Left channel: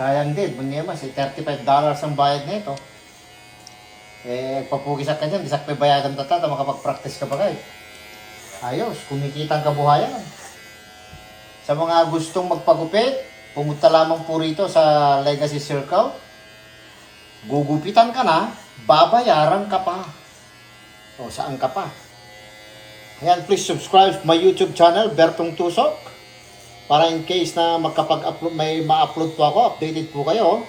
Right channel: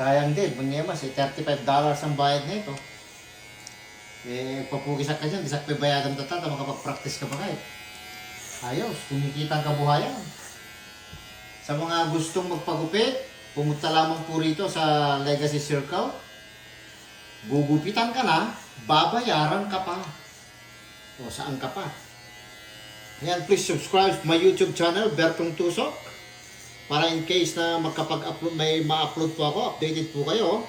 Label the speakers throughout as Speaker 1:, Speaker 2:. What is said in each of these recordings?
Speaker 1: Sayang din, manyemas eh, $35 ang bayad nito. Eh, papugisak ka dyan, bisak pa bayagan tata, makapag-practice ka ba kayo? Ayos, kumikita ang kabuhayan. Sa mga gustong magpagupit, pumunta lamang po rito sa Legacy Circle. Gugupitan ka na, babayaran ka pa. O, saan ka pa? Ayan, please subscribe my YouTube channel, Bertong Tusok. Para in case na magkapag-upload, may ma-upload po ako, updated po kayo.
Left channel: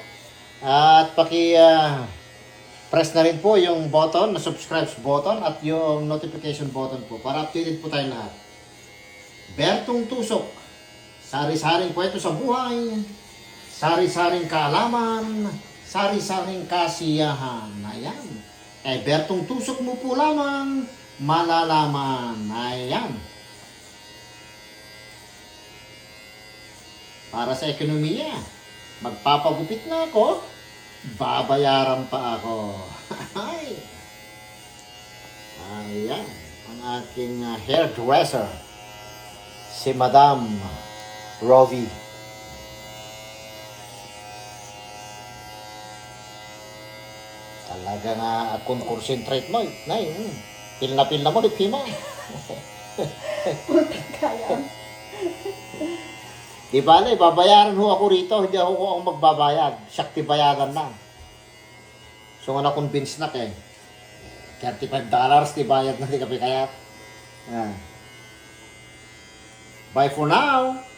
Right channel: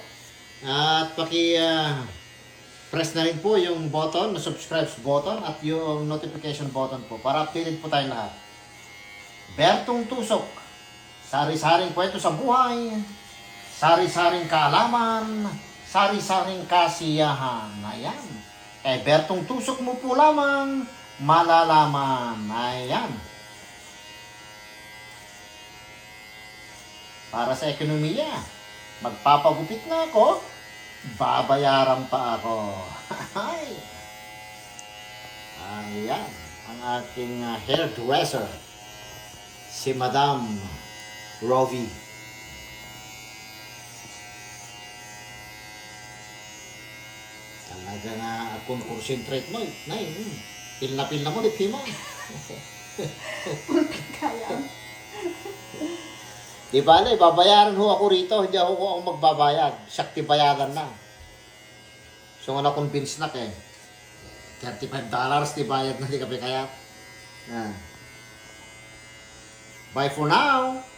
Speaker 1: At paki ah, press na rin po yung button, na subscribe button at yung notification button po para updated po tayo lahat. Bertong Tusok. Sari-saring kwento sa buhay. Sari-saring kaalaman. Sari-saring kasiyahan. Ayan. Eh, Bertong Tusok mo po lamang malalaman. Ayan. Para sa ekonomiya, magpapagupit na ako, babayaran pa ako. Ay. Ayan, ang ating uh, hairdresser, si Madam Rovi. Talaga nga concentrate mo. Eh. Nay, mm, pilna-pilna mo, lipi mo.
Speaker 2: Kaya.
Speaker 1: Di ba na, babayaran ho ako rito, hindi ako ko ang magbabayad. Shakti bayaran na. So nga na-convince na kay. $35 di bayad na di kape kaya. Ah. Bye for now.